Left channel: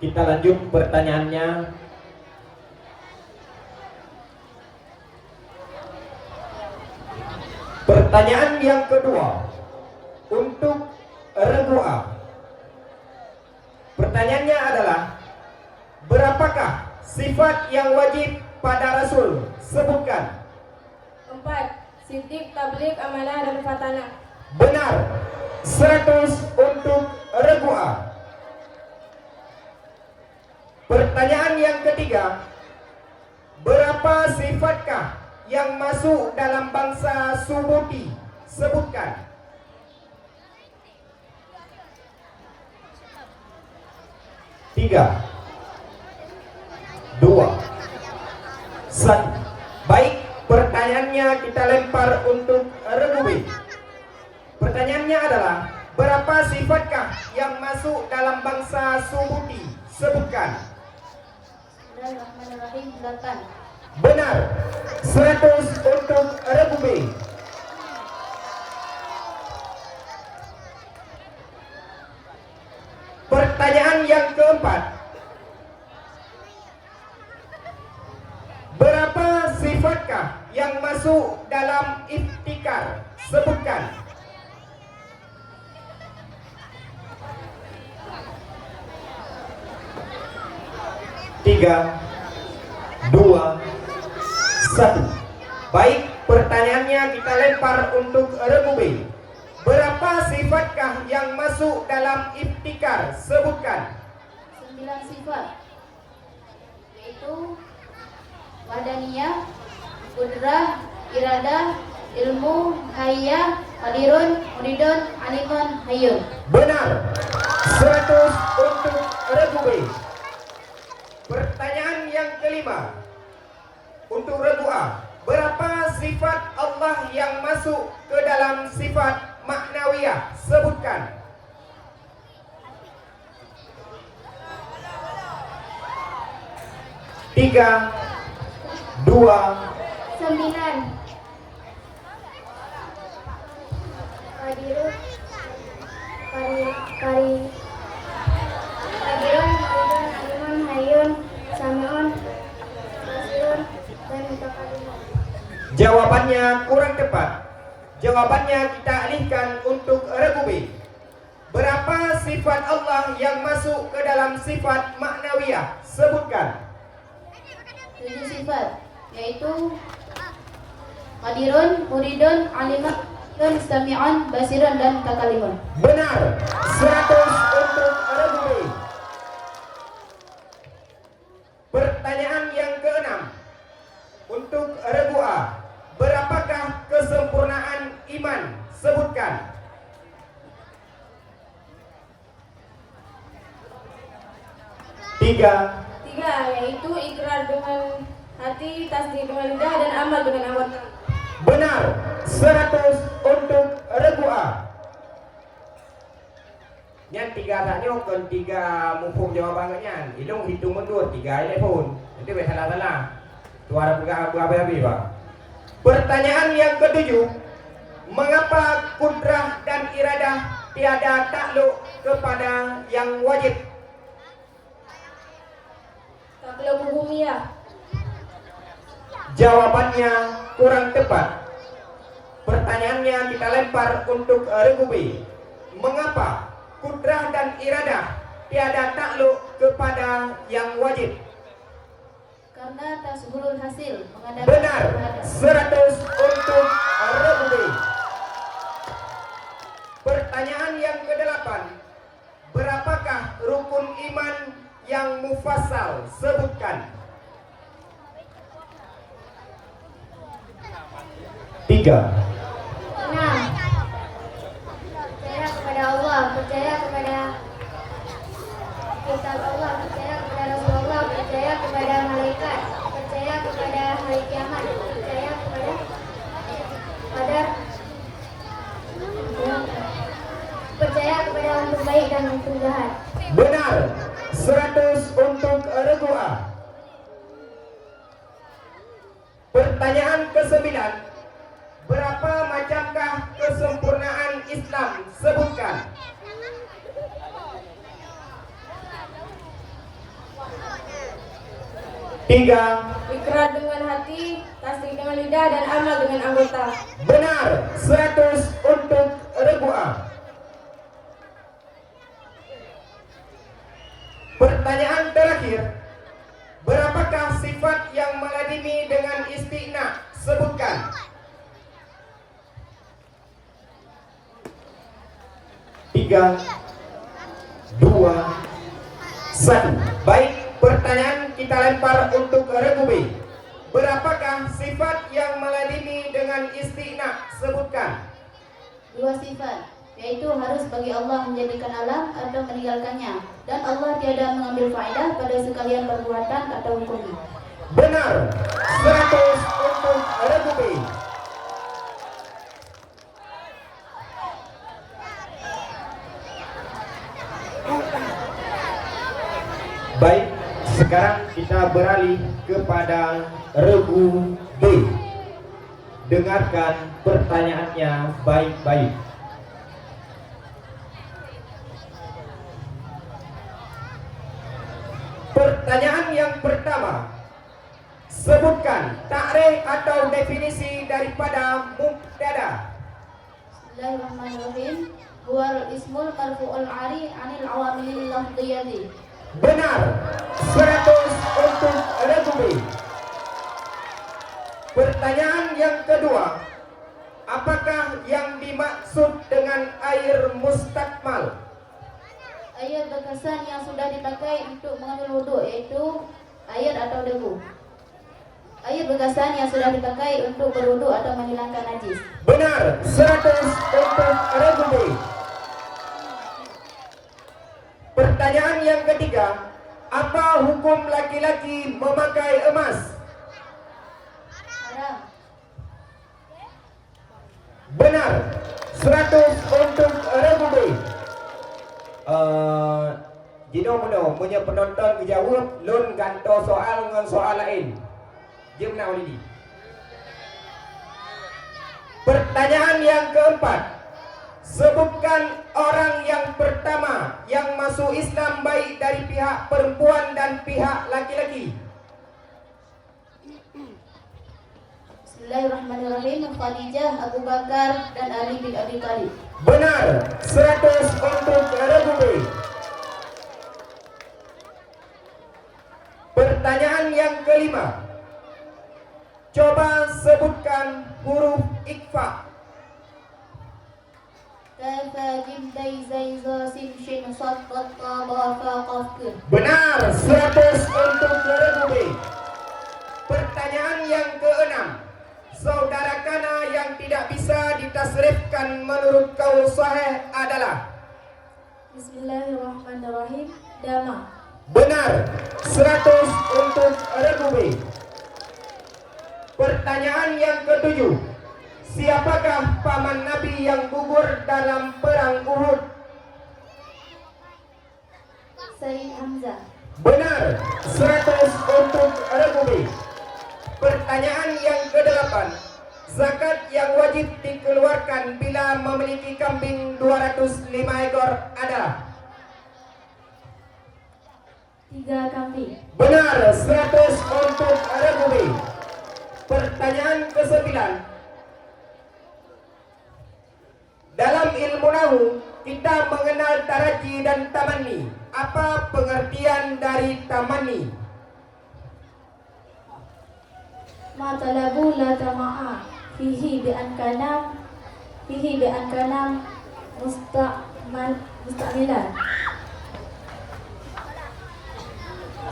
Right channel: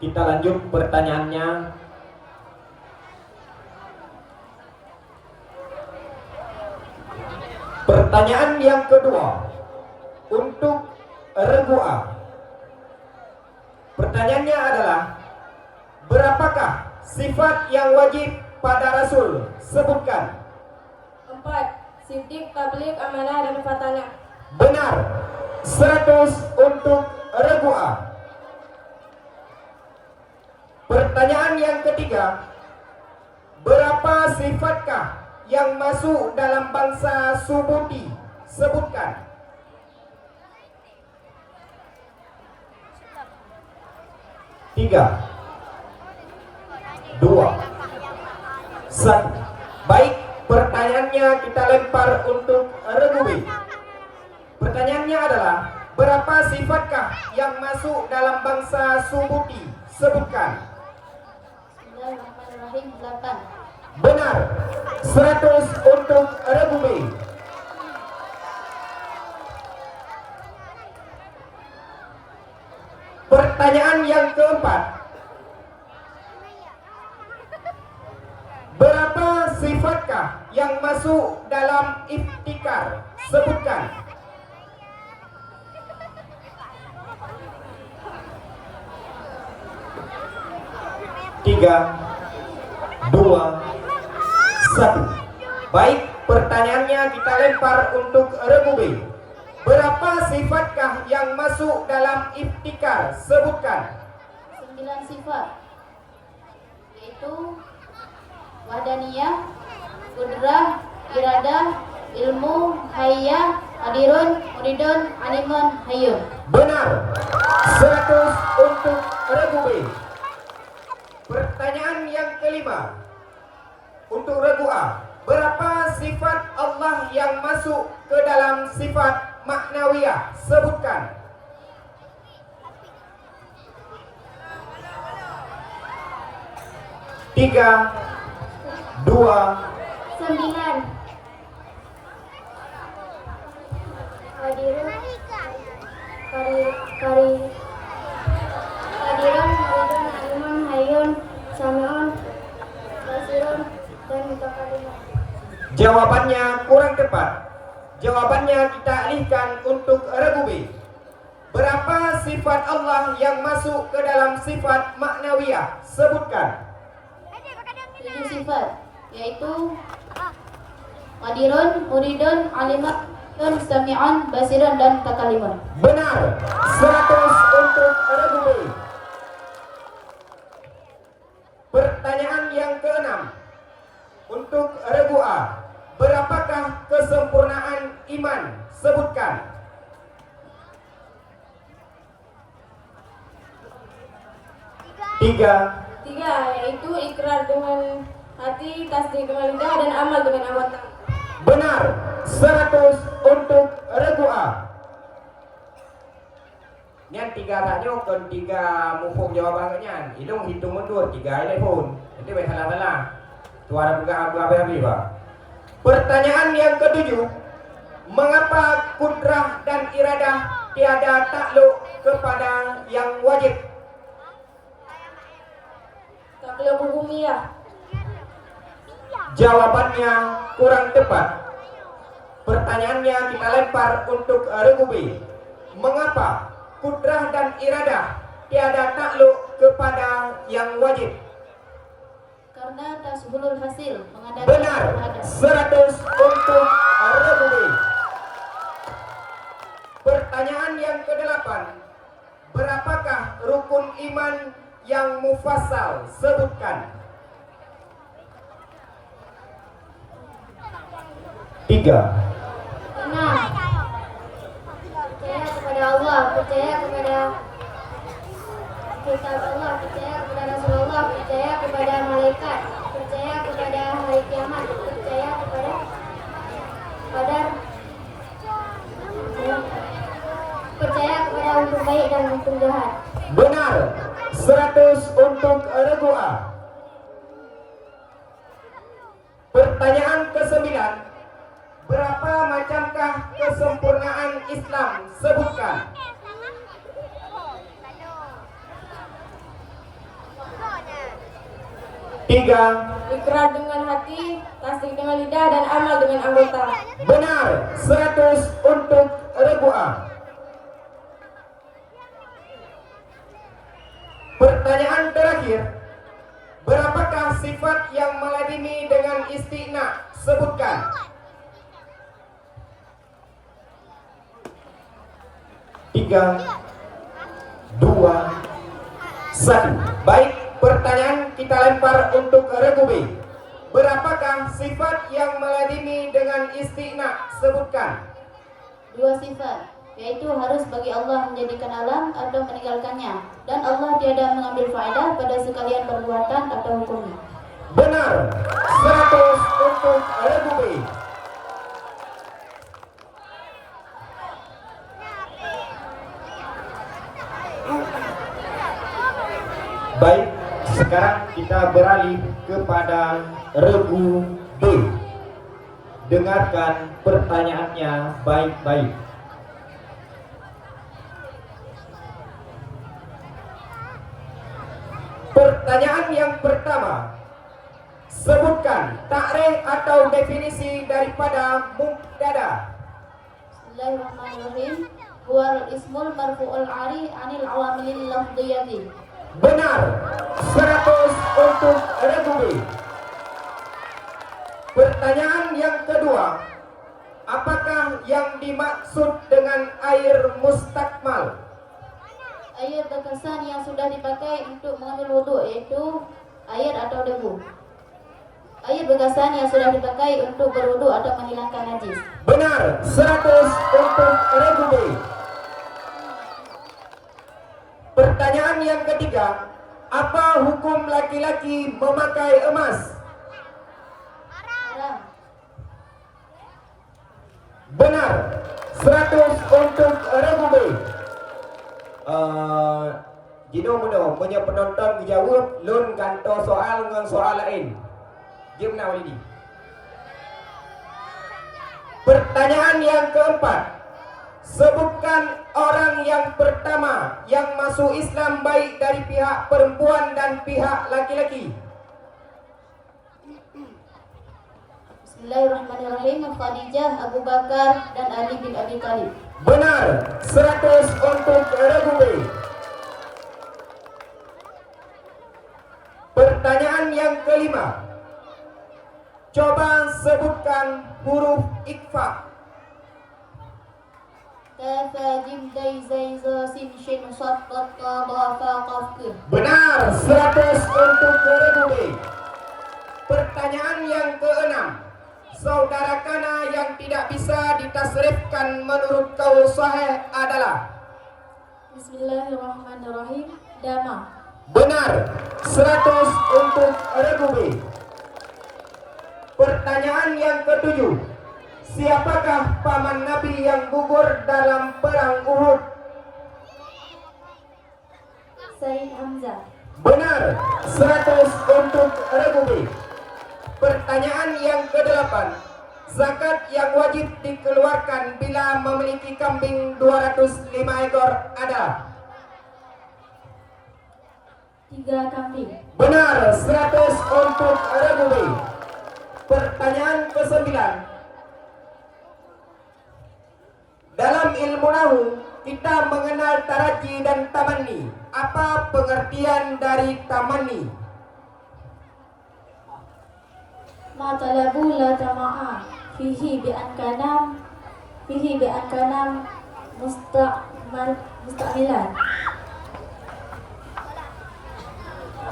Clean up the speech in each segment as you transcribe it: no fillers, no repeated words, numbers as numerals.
Kita lanjut pertanyaannya. Pertanyaan yang kedua untuk regu A. Pertanyaannya adalah, berapakah sifat yang wajib pada Rasul? Sebutkan. 4. Siddiq, tabligh, amanah, dan fatana. Benar. 100 untuk regu A. Pertanyaan yang ketiga, berapa sifatkah yang masuk dalam bangsa Subuti? Sebutkan. 3, 2, 1. Baik, pertanyaannya kita lempar untuk regu B. Pertanyaannya adalah, berapa sifatkah yang masuk dalam bangsa Subuti? Sebutkan. Bismillahirrahmanirrahim. 8. Benar. 100 untuk regu B. Pertanyaan yang keempat, berapa sifatkah yang masuk dalam iftikar? Sebutkan. 3, 2, 1. Baik, pertanyaannya kita lempar untuk regu B. Berapa sifatkah yang masuk dalam iftikar? Sebutkan. 9 sifat, yaitu wadaniyah, kudrah, iradah, ilmu, hayya, hadirun, muridun, animun, hayyun. Benar. 100 untuk regu B. Pertanyaan yang kelima untuk regu A. Berapa sifat Allah yang masuk ke dalam sifat maknawiyah? Sebutkan. 3, 2, 9. Hadirun, hadirun, muridun, animun, hayyun, sami'un, basirun, dan mutakalim. Jawabannya kurang tepat. Jawabannya kita alihkan untuk regu B. Berapa sifat Allah yang masuk ke dalam sifat maknawiyah? Sebutkan. 7 sifat, yaitu hadirun, muridun, alimun, sami'un, basirun, dan mutakalim. Benar. 100 untuk regu B. Pertanyaan yang keenam untuk regu A. Berapakah kesempurnaan iman? Sebutkan. 3, 3, yaitu ikrar dengan hati, tasdik dengan lidah, dan amal dengan anggota. benar. 100 untuk regu A. Yang 3 tanya kan 3 mufum jawabannya. Ilung hitung mundur 3 telepon. Nanti boleh salah-salah. Tu ada juga habis-habis, Pak. Pertanyaan yang ketujuh, mengapa kudrah dan iradah tiada takluk kepada yang wajib? Takluk hukumiyah. Jawabannya kurang tepat. Pertanyaannya kita lempar untuk regu B. Mengapa kudrah dan iradah tiada takluk kepada yang wajib? Karena tasbulul hasil mengadakan Benar. ibadah. 100 untuk regu B. Pertanyaan yang ke-8, berapakah rukun iman yang mufassal? Sebutkan. 3, 6. Percaya kepada Allah, percaya kepada kitab Allah, percaya kepada Rasulullah, percaya kepada malaikat, percaya kepada hari kiamat, percaya kepada percaya kepada untuk baik dan untuk jahat. benar. 100 untuk regu A. Pertanyaan ke-9, berapa macamkah kesempurnaan Islam? Sebutkan. Tiga. Ikrar dengan hati, tasdik dengan lidah, dan amal dengan anggota. Benar. 100 untuk Rebu'ah. Pertanyaan terakhir. Berapakah sifat yang meladini dengan istighna? Sebutkan. 3, 2, 1. Baik, pertanyaan kita lempar untuk Regu B. Berapakah sifat yang meladini dengan istighna? Sebutkan. 2 sifat, yaitu harus bagi Allah menjadikan alam atau meninggalkannya, dan Allah tiada mengambil faedah pada sekalian perbuatan atau hukumnya. Benar. 100 untuk Regu B. Baik, sekarang kita beralih kepada Regu B. Dengarkan pertanyaannya baik-baik. Pertanyaan yang pertama. Sebutkan takrif atau definisi daripada mubtada. Bismillahirrahmanirrahim. Huwal ismul marfu'ul ari anil awamilil lafdhiyati. Benar. 100 untuk Regu B. Pertanyaan yang kedua. Apakah yang dimaksud dengan air mustakmal? Air bekasan yang sudah dipakai untuk mengambil wudhu, yaitu air atau debu. Air bekasan yang sudah dipakai untuk berwudhu atau menghilangkan najis. Benar. 100 untuk Regu B. Pertanyaan yang ketiga. Apa hukum laki-laki memakai emas? Haram. Benar. 100 untuk Regu B. Jino meno punya penonton dijawab lun ganto soal dengan soal lain. Jom nak Walidi. Pertanyaan yang keempat. Sebutkan orang yang pertama yang masuk Islam baik dari pihak perempuan dan pihak laki-laki. Bismillahirrahmanirrahim. Khadijah, Abu Bakar, dan Ali bin Abi Thalib. Benar. 100 untuk Regu B. Pertanyaan yang kelima. Coba sebutkan huruf ikhfa. Kafa jim dai zai za sin shin sad ta ta ba fa qaf kaf. Benar. 100 untuk Regu B. Pertanyaan yang keenam. Saudara kana yang tidak bisa ditasrifkan menurut kaul sahih adalah? Bismillahirrahmanirrahim. Dama. Benar. 100 untuk Regu B. Pertanyaan yang ketujuh. Siapakah paman Nabi yang gugur dalam perang Uhud? Said Hamzah. Benar. 100 untuk Regu B. Pertanyaan yang kedelapan. Zakat yang wajib dikeluarkan bila memiliki kambing 205 ekor ada? 3 kambing. Benar. 100 untuk Regu B. Pertanyaan ke-9. Dalam ilmu nahwu kita mengenal taraji dan tamanni. Apa pengertian dari tamanni? Ma talabu la tama'a fihi bi an kana musta'milan.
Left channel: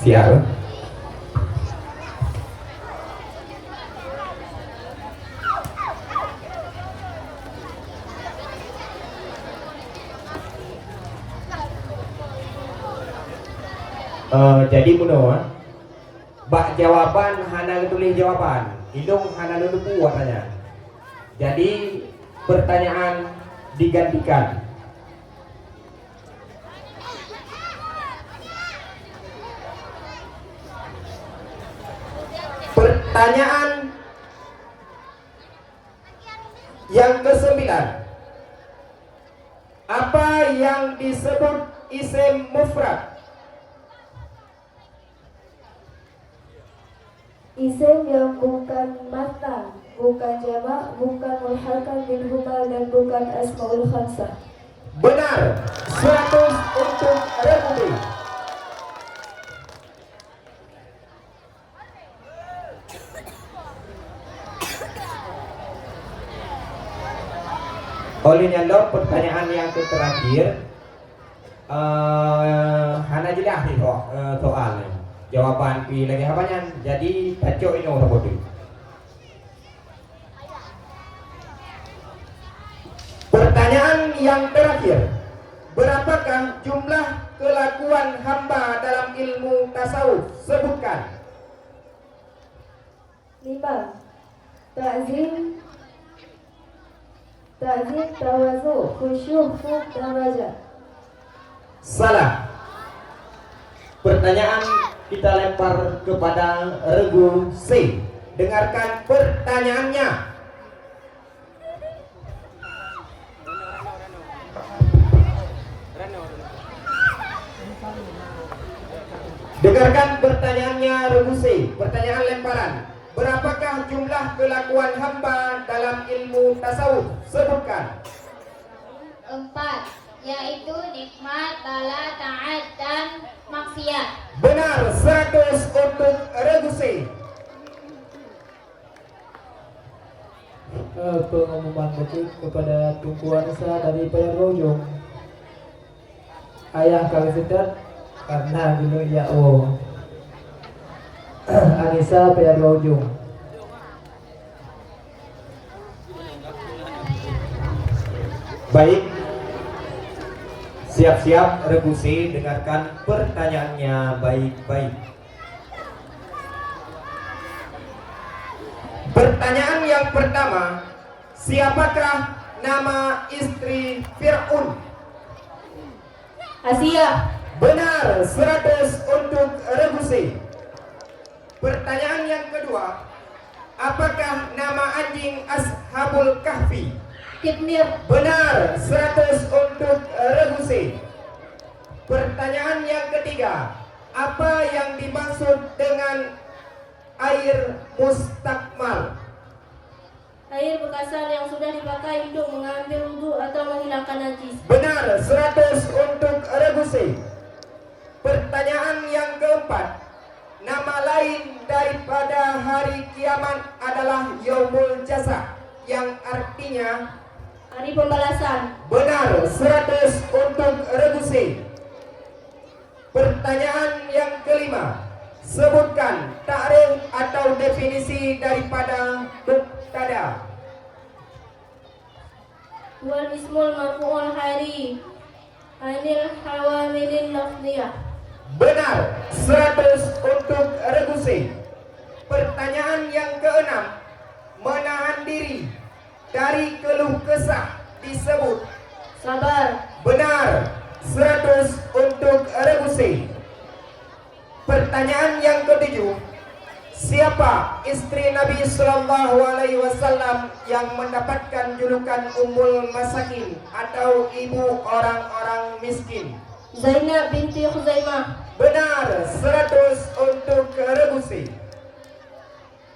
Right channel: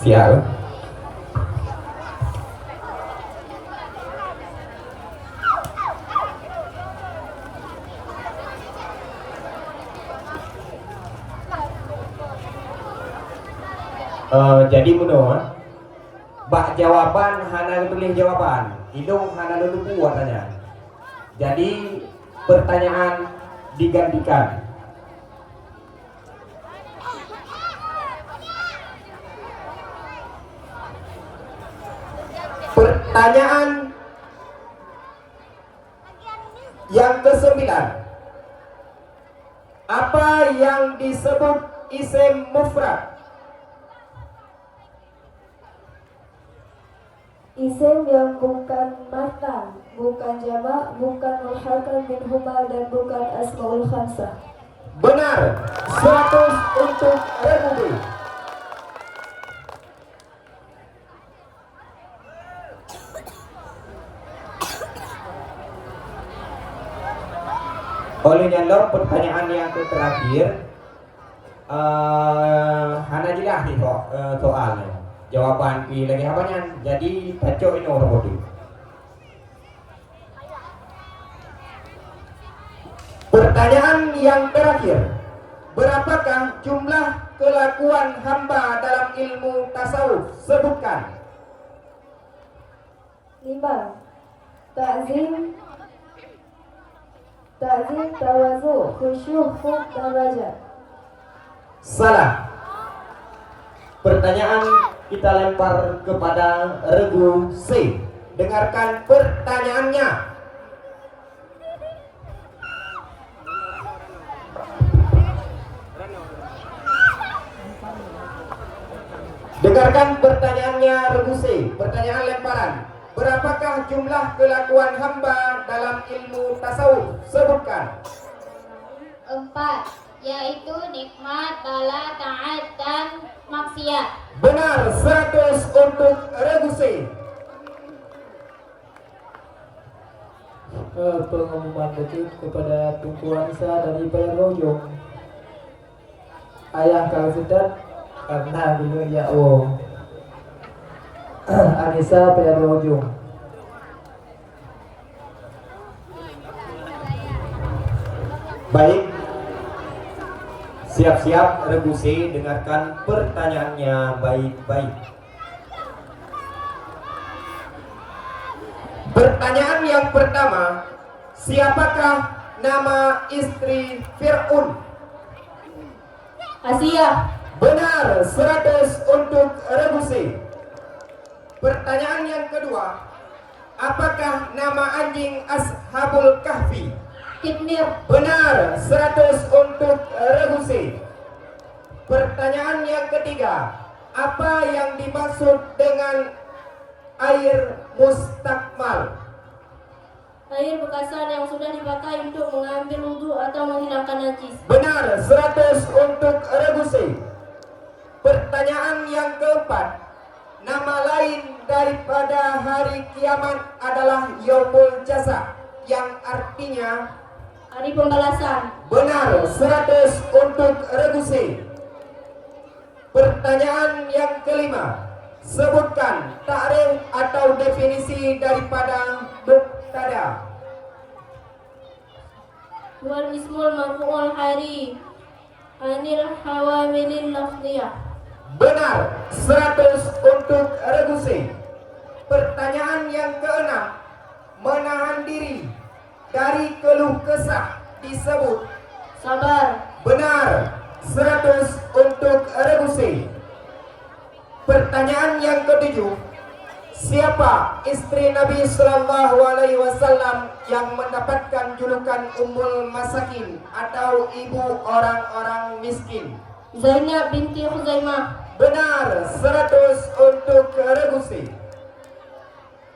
Siap. Jadi menurut bak jawaban hana tulis jawaban, hidung hana lupa katanya. Jadi pertanyaan digantikan. Pertanyaan yang ke-9. Apa yang disebut isim mufrad? Isim yang bukan mata, bukan jamak, bukan mulhakan minhuma dan bukan asmaul khamsah. Benar. 100 untuk Republik. Oleh nyandor pertanyaan yang terakhir, hana jelas nih soalnya. Jawaban pilih lagi apanya? Jadi pacok ini orang bodoh. Pertanyaan yang terakhir, berapakah jumlah kelakuan hamba dalam ilmu tasawuf? Sebutkan. 5. Ta'zim, tawazu, khusyuh, khuf, dan raja. Salah. Pertanyaan kita lempar kepada regu C. Dengarkan pertanyaannya. Dengarkan pertanyaannya regu C. Pertanyaan lemparan. Berapakah jumlah kelakuan hamba dalam ilmu tasawuf? Sebutkan. 4, yaitu nikmat, bala, taat, dan maksiat. Benar. 100 untuk regu C. Pengumuman detik kepada Tunku Anissa dari Payarojong. Ayah kami sedat karena dulu ya Anissa Payarojong. Baik. Siap-siap regu C, dengarkan pertanyaannya baik-baik. Pertanyaan yang pertama, siapakah nama istri Fir'aun? Asia. Benar. 100 untuk regu C. Pertanyaan yang kedua, apakah nama anjing Ashabul Kahfi? Kipnir. Benar. 100 untuk regu C. Pertanyaan yang ketiga, apa yang dimaksud dengan air mustakmal? Air bekasan yang sudah dipakai untuk mengambil wudhu atau menghilangkan najis. Benar. 100 untuk regu C. Pertanyaan yang keempat, nama lain daripada hari kiamat adalah Yaumul Jaza, yang artinya Hari pembalasan. benar. 100 untuk regu C. Pertanyaan yang kelima, sebutkan takrif atau definisi daripada mubtada. Wal ismul marfu'ul hari anil hawamilin lafziyah. Benar. 100 untuk regu C. Pertanyaan yang keenam, menahan diri dari keluh kesah disebut Sabar. benar. 100 untuk regu C. Pertanyaan yang ketujuh, siapa istri Nabi Sallallahu Alaihi Wasallam yang mendapatkan julukan Ummul Masakin atau ibu orang-orang miskin? Zainab binti Khuzaimah. Benar. 100 untuk regu C.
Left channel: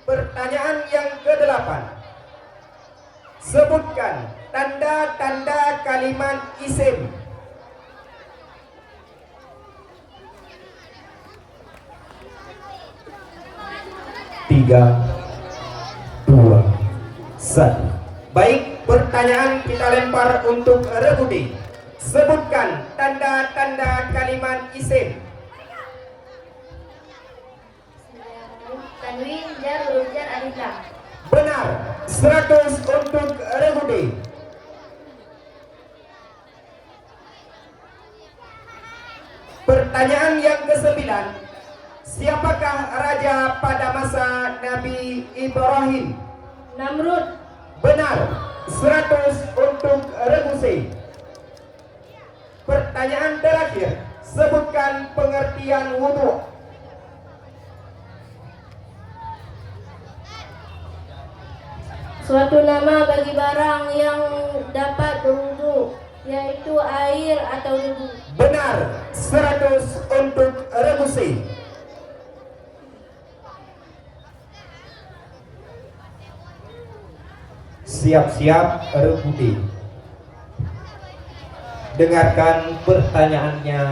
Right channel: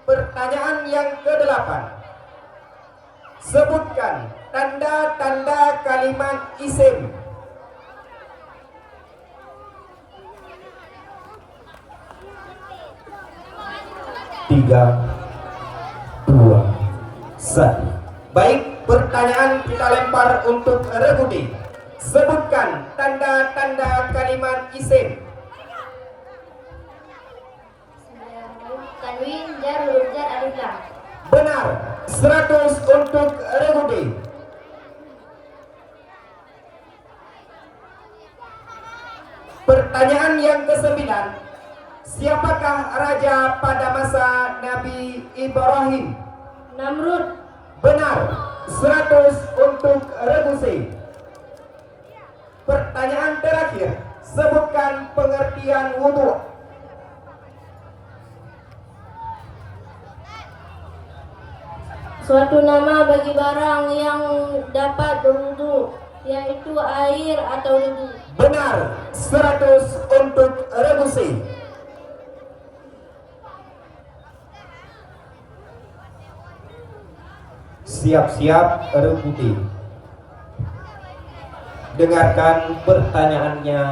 Pertanyaan yang ke-8, sebutkan tanda-tanda kalimat isim. 3, 2, 1. Baik, pertanyaan kita lempar untuk regu D. Sebutkan tanda-tanda kalimat isim. Tanwin, jar, huruf jar, alif lam. Benar. 100 untuk regu D. Pertanyaan yang ke-9, siapakah raja pada masa Nabi Ibrahim? Namrud. Benar. 100 untuk regu C. Pertanyaan terakhir, sebutkan pengertian wudhu. Suatu nama bagi barang yang dapat berwudu, yaitu air atau debu. Benar. 100 untuk regu C. siap-siap Rekuti. Dengarkan pertanyaannya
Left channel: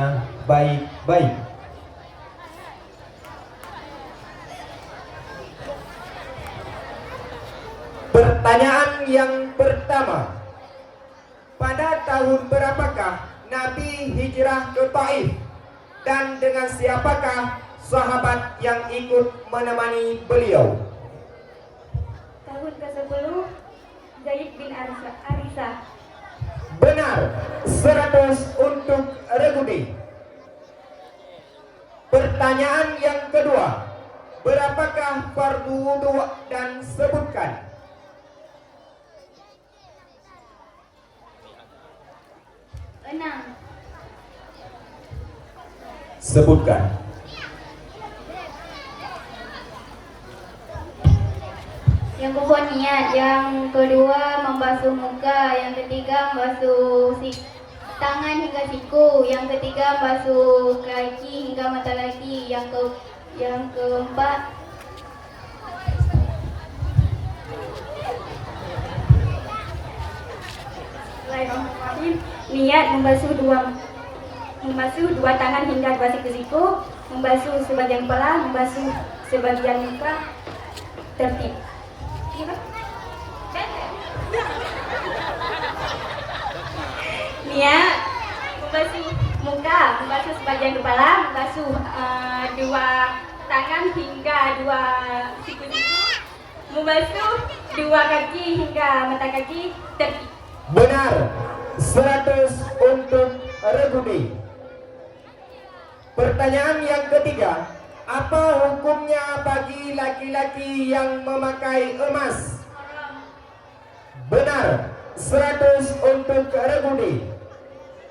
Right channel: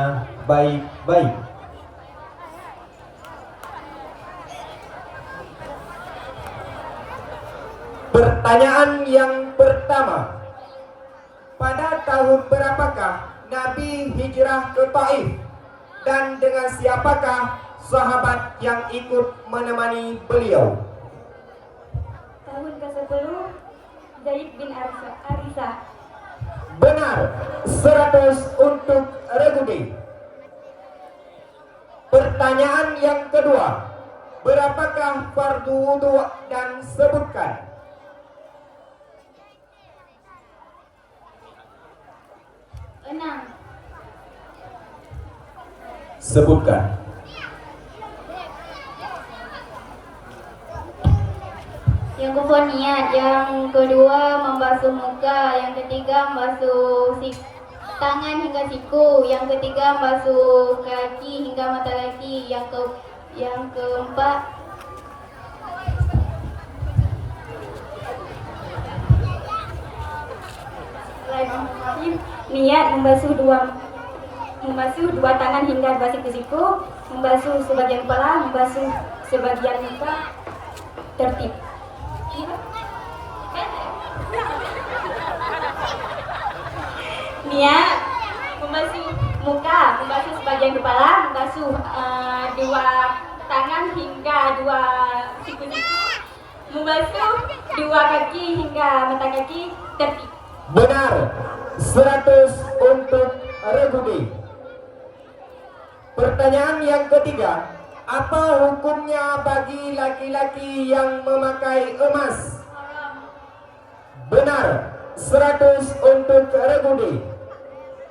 baik-baik. Pertanyaan yang pertama. Pada tahun berapakah Nabi hijrah ke Taif? Dan dengan siapakah sahabat yang ikut menemani beliau? Tahun ke-10 Zaid bin Arisah. Benar, 100 untuk Regudi. Pertanyaan yang kedua. Berapakah fardu wudu dan sebutkan? Sebutkan. Yang pertama niat, yang kedua membasuh muka, yang ketiga membasuh tangan hingga siku, yang ketiga membasuh kaki hingga mata kaki, yang keempat niat membasuh dua tangan hingga dua siku, membasuh sebagian kepala, membasuh sebagian muka, tertib. Niat membasuh muka, membasuh sebagian kepala, membasuh dua tangan hingga dua siku-siku, membasuh dua kaki hingga mata kaki, tertib. Benar, 100 untuk Regudi. Pertanyaan yang ketiga. Apa hukumnya bagi laki-laki yang memakai emas? Benar, 100 untuk Regudi.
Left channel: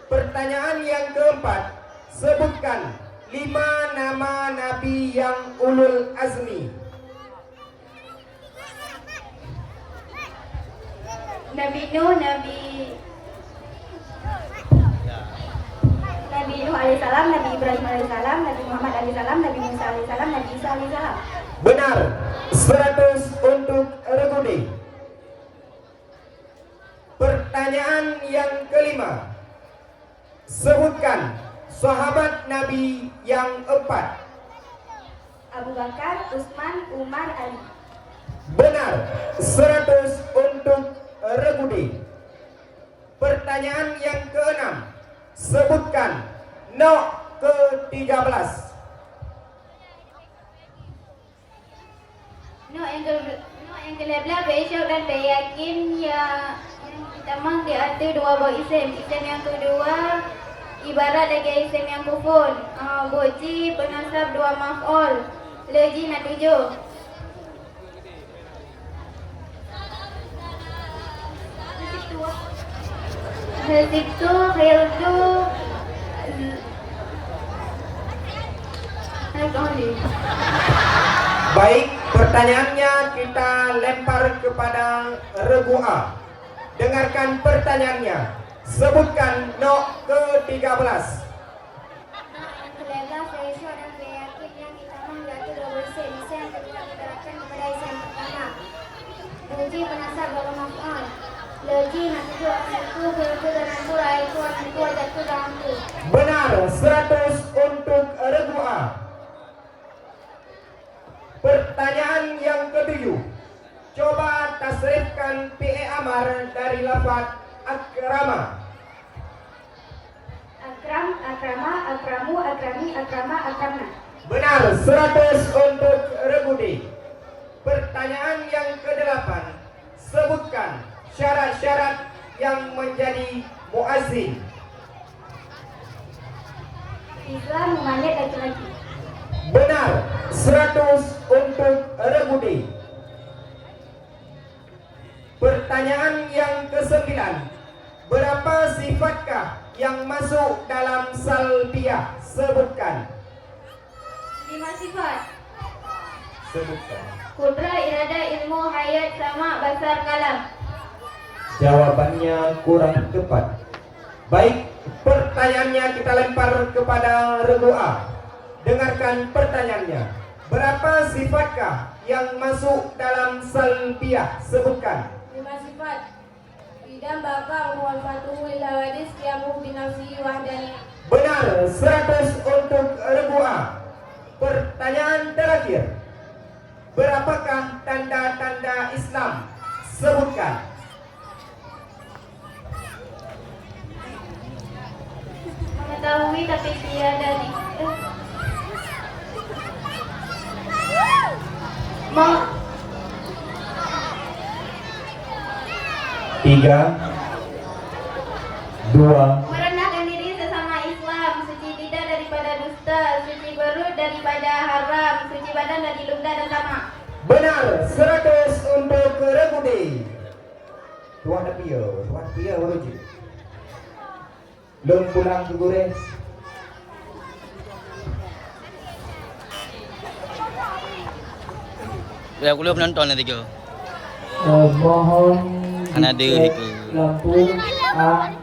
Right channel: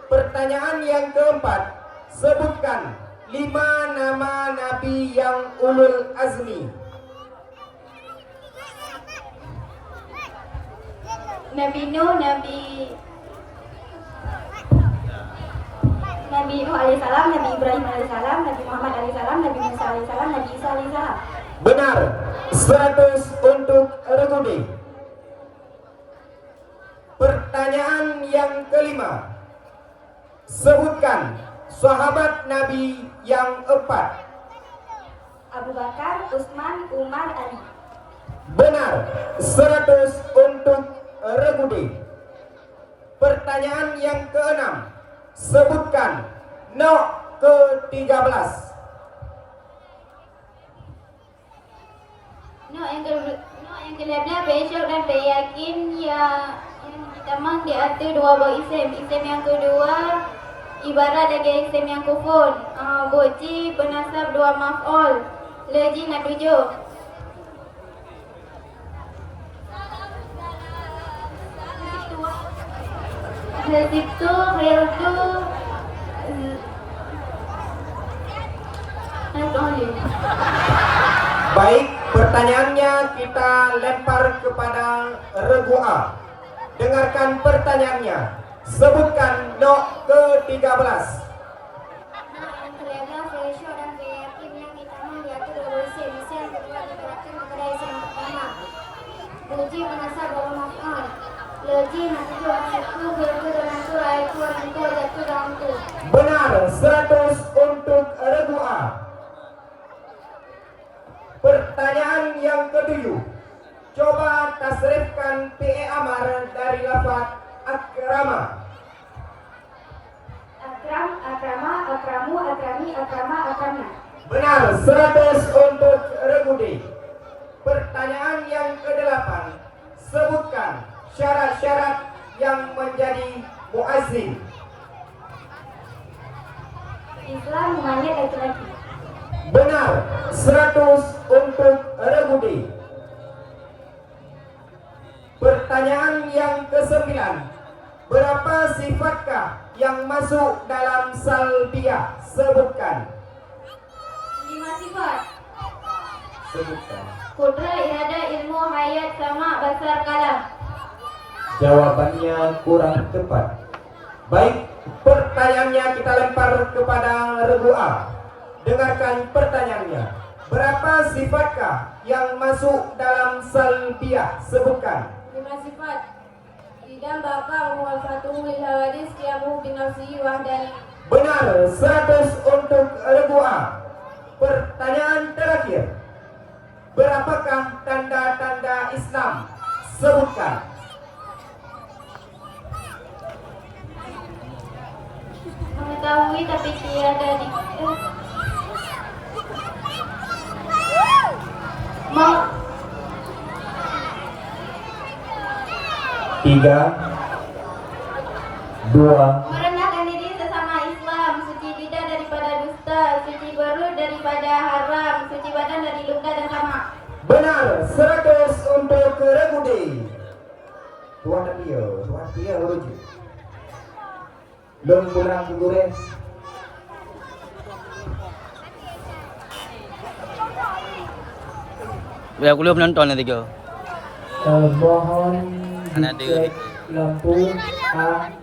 Pertanyaan yang keempat. Sebutkan 5 nama Nabi yang ulul azmi. Nabi Nuh, Nabi Nuh alaihissalam, Nabi Ibrahim alaihissalam, Nabi Muhammad alaihissalam, Nabi Musa alaihissalam, Nabi Isa alaihissalam. Benar, 100 untuk Regudi. Pertanyaan yang kelima. Sebutkan sahabat Nabi yang 4. Abu Bakar, Utsman, Umar, Ali. Benar, 100 untuk Regudi. Pertanyaan yang keenam. Sebutkan Nuh ke-13. Nuh yang ke-12 Baisyuk dan Bayakin yang pertama diatur dua buah isim. Isim yang kedua ibarat lagi isim yang kufun. Boji penasab dua maf'ul. Leji nak 7. Hiltu Baik, pertanyaannya kita lempar kepada Regua. Dengarkan pertanyaannya. Sebutkan Nuh ke-13. Yang ke-11 Baisyuk dan Bayakin yang pertama diatur dua buah isim. Isim yang kedua dibaratkan kepada isim yang pertama. Boji penasab dua maf'ul. Leji nak 7 satu, hiltu dan satu, raitu satu, jatuh dan satu. Benar, 100 untuk Regua. Pertanyaan yang ketujuh. Coba tasrifkan fi'il amar dari lafaz akrama. Akram, akrama, akramu, akrami, akrama, akramna. Benar, 100 untuk Regudi. Pertanyaan yang ke-8. Sebutkan syarat-syarat yang menjadi muazzin. Islam memanggil laki-laki. Benar, 100 untuk Regudi. Pertanyaan yang ke-9. Berapa sifatkah yang masuk dalam salbiyah? Sebutkan. 5 sifat. Sebutkan. Kudra, irada, ilmu, hayat, sama, basar, kalam. Jawabannya kurang tepat. Baik, pertanyaannya kita lempar kepada Regua. Dengarkan pertanyaannya. Berapa sifatkah yang masuk dalam salbiyah? Sebutkan. 5 sifat. Dan Bapak muwafatuhu lil hawadis qiyamuhu binafsihi wahdani. Benar, 100 untuk regu A. Pertanyaan terakhir. Berapakah tanda-tanda Islam? Sebutkan. Mengetahui tapi tiada di Mau 3, 2, merendahkan diri sesama Islam, suci lidah daripada dusta, suci perut daripada haram, suci badan dari luka dan tamak. benar, 100 untuk regu D. Tuan Pia rujuk. Belum pulang ke goreng. Aku belum nonton nanti kau. Mohon Mana ada dicek lagi? lampu A